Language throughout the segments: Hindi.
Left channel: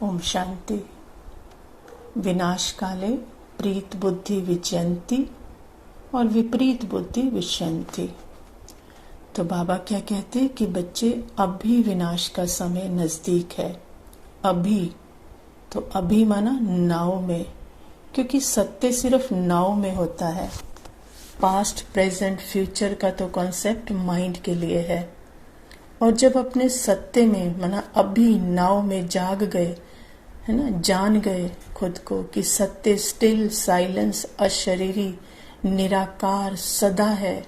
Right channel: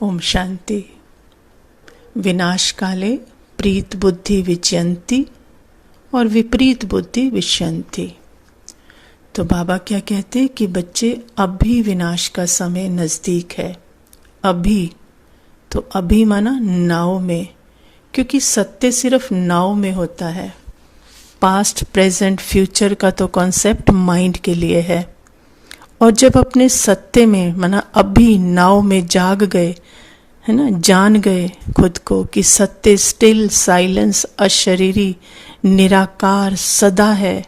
ओम शांति। विनाश काले प्रीत बुद्धि विजयंती और विपरीत बुद्धि विष्यंती। तो बाबा क्या कहते कि बच्चे अभी विनाश का समय नज़दीक है। अभी तो अभी माना नाव में, क्योंकि सत्य सिर्फ नाव में होता है। पास्ट प्रेजेंट फ्यूचर का तो कॉन्सेप्ट माइंड के लिए है। और जब अपने सत्य में माना अभी नाव में जाग गए, है ना, जान गए खुद को कि सत्य स्टिल साइलेंस अशरीरी निराकार सदा है,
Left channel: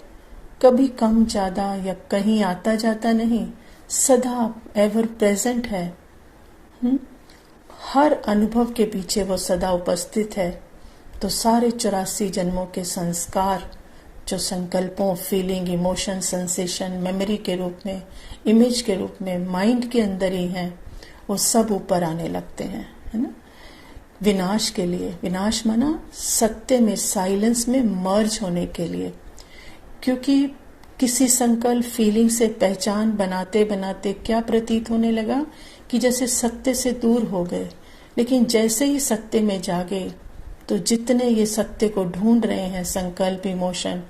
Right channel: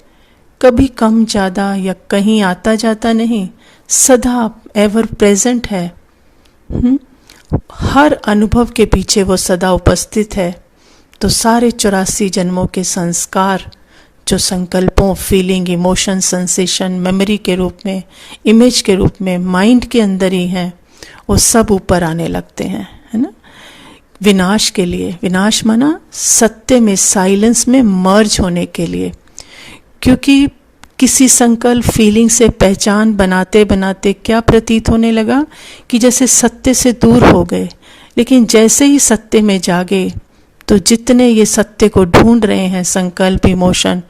कभी कम ज़्यादा या कहीं आता जाता नहीं, सदा एवर प्रेजेंट है। हर अनुभव के पीछे वो सदा उपस्थित है। तो सारे 84 जन्मों के संस्कार जो संकल्पों, फीलिंग, इमोशन, सेंसेशन, मेमोरी के रूप में, इमेज के रूप में माइंड के अंदर ही हैं, वो सब ऊपर आने लगते हैं, है ना। विनाश के लिए, विनाश माना सत्य में, साइलेंस में मर्ज होने के लिए। क्योंकि किसी संकल्प, फीलिंग से पहचान बनाते बनाते क्या प्रतीत होने लगा कि जैसे सत्य से दूर हो गए। लेकिन जैसे ही सत्य में जागे तो जितने ये सत्य को ढूंढ रहे हैं, संकल्प, इमोशन,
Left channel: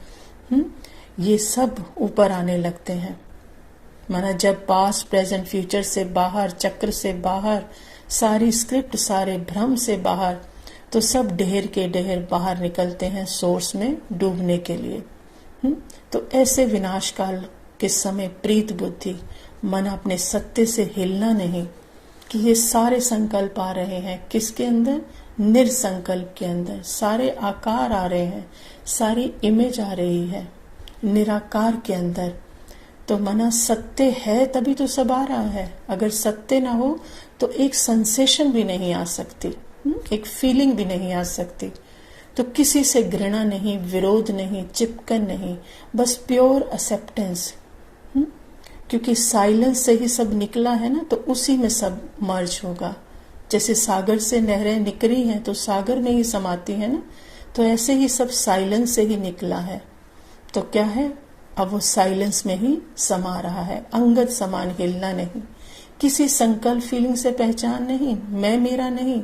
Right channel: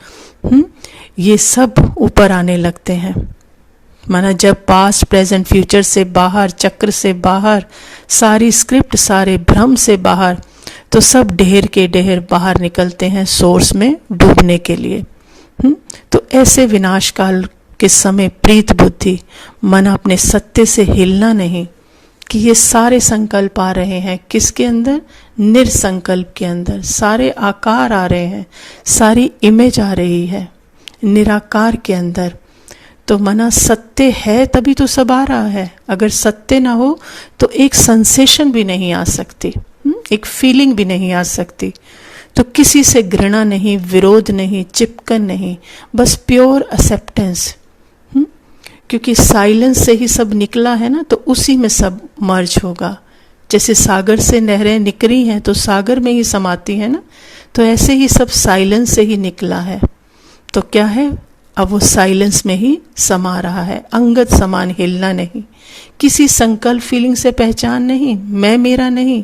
ये सब ऊपर आने लगते हैं। माना जब पास्ट प्रेजेंट फ्यूचर से बाहर, चक्र से बाहर, सारी स्क्रिप्ट, सारे भ्रम से बाहर, तो सब ढेर के ढेर बाहर निकलते हैं सोर्स में डूबने के लिए। तो ऐसे विनाश काल के समय प्रीत बुद्धि, मन अपने सत्य से हिलना नहीं कि ये सारे संकल्प आ रहे हैं किसके अंदर, निरसंकल्प के अंदर। सारे आकार आ रहे हैं, सारी इमेज आ रही है निराकार के अंदर। तो मना सत्य है तभी तो सब आ रहा है। अगर सत्य ना हो तो एक सेंसेशन भी नहीं आ सकती, एक फीलिंग भी नहीं आ सकती। तो किसी से घृणा नहीं, विरोध नहीं, चिपकन नहीं, बस प्योर एक्सेप्टेंस। क्योंकि साइलेंस से ही सब निकला है ना, तो उसी में सब मर्ज होगा। जैसे सागर से नहरें निकली हैं तो सागर में ही समाती है ना, तो ऐसे ही सब साइलेंस से ही निकला है। तो क्या है, अब वो साइलेंस में ही समा रहा है। अंगत समान हिलना नहीं, किसी संकल्प, फीलिंग से पहचान नहीं, मैं मेरा नहीं।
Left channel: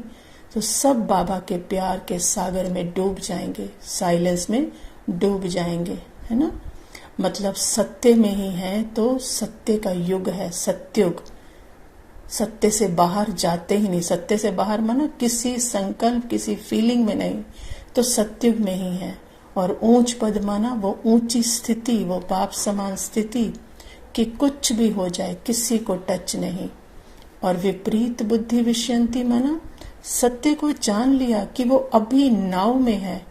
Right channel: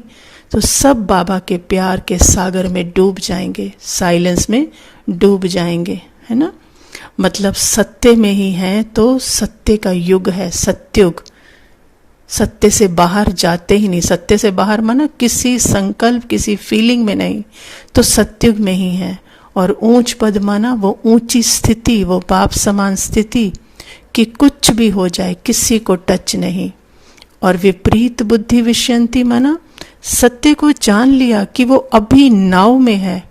तो सब बाबा के प्यार के सागर में डूब जाएंगे, साइलेंस में डूब जाएंगे, है ना। मतलब सत्य में ही है तो सत्य का युग है, सत्युग। सत्य से बाहर जाते ही नहीं। सत्य से बाहर माना किसी संकल्प, किसी फीलिंग में नहीं, तो सत्युग में ही है। और ऊंच पद माना वो ऊंची स्थिति, वो बाप समान स्थिति कि कुछ भी हो जाए किसी को टच नहीं। और विपरीत बुद्धि विष्यंती माना सत्य को जान लिया कि वो अभी नाव में है।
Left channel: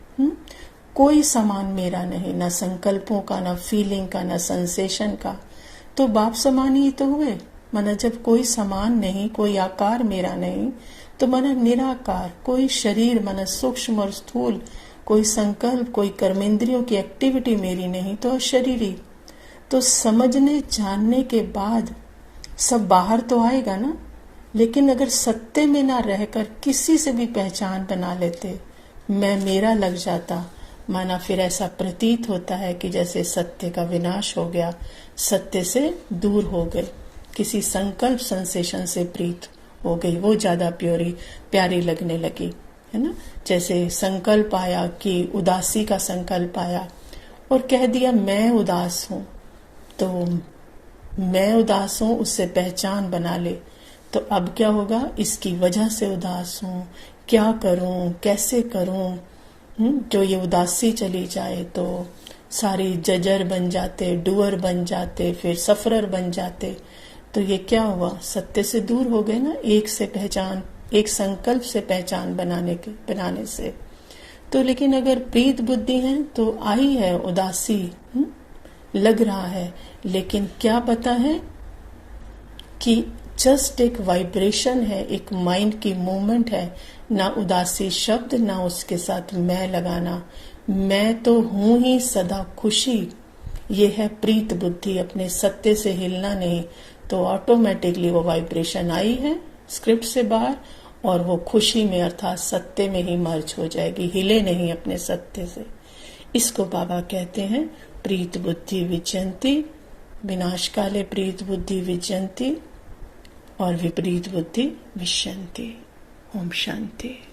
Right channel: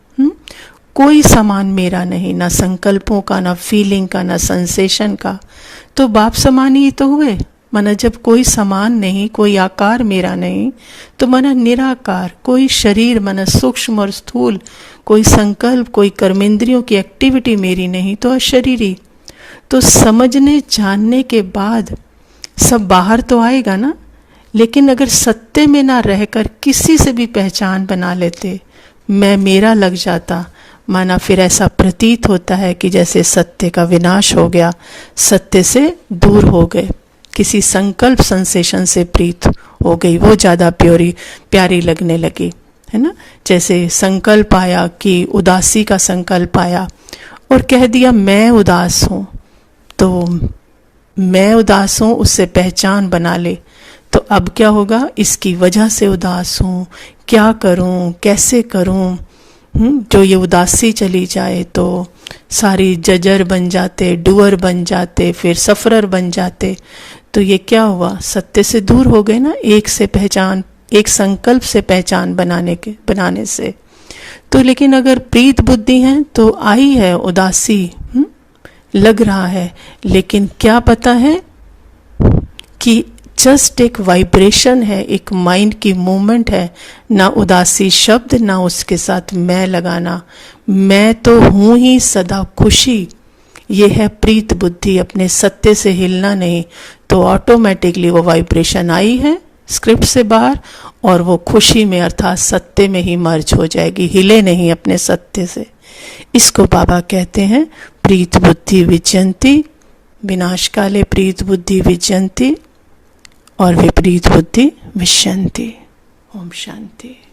कोई सामान मेरा नहीं, ना संकल्पों का, ना फीलिंग का, ना सेंसेशन का। तो बाप समान ही तो हुए। माना जब कोई समान नहीं, कोई आकार मेरा नहीं, तो माना निराकार। कोई शरीर माना सूक्ष्म और स्थूल, कोई संकल्प, कोई कर्मेंद्रियों की एक्टिविटी मेरी नहीं, तो अशरीरी। तो समझने जानने के बाद सब बाहर तो आएगा ना। लेकिन अगर सत्य में ना रहकर किसी से भी पहचान बना लेते, मैं मेरा लग जाता, माना फिर ऐसा प्रतीत होता है कि जैसे सत्य का विनाश हो गया, सत्य से दूर हो गए, किसी संकल्प, सेंसेशन से प्रीत हो गई, वो ज़्यादा प्यारी लगने लगी, है ना। जैसे संकल्प आया कि उदासी का संकल्प आया और कह दिया मैं उदास हूँ, तो मैं उदास हूँ उससे पहचान बना ले। तो अब क्या होगा, इसकी वजह से उदास हूँ, क्या करूँ, कैसे करूँ। जो ये उदासी चली जाए तो सारी जजर बन जाते, डूअर बन जाते, फिर सफरर बन जाते। तो ये क्या हुआ, सत्य से दूर हो गए ना, एक से पहचान, एक संकल्प से पहचान बनाने से। तो लेकिन अगर प्रीत बुद्धि है तो आई है उदासी, लग रहा है, लेकिन क्या पता है कि जस्ट एक वाइब्रेशन है, एक माइंड की मूवमेंट है। ना उदासी शब्द, ना उसके साथ मैं लगाना, मैं तो हूँ ही सदा खुशी। ये है प्रीत बुद्धि, अपने सत्य से हिलना नहीं। तो ऑटोमेटिकली वो वाइब्रेशन आई है स्क्रिप्ट से बाहर, और वो खुशी में अर्थात सत्य में ही मर्ज हो जाएगी, हिले नहीं अपने सत्य से। इसको बाबा कहते हैं प्रीत बुद्धि विजयंती। विनाश काले प्रीत बुद्धि विजयंती और विपरीत बुद्धि विश्यन्ति। ओम शांति।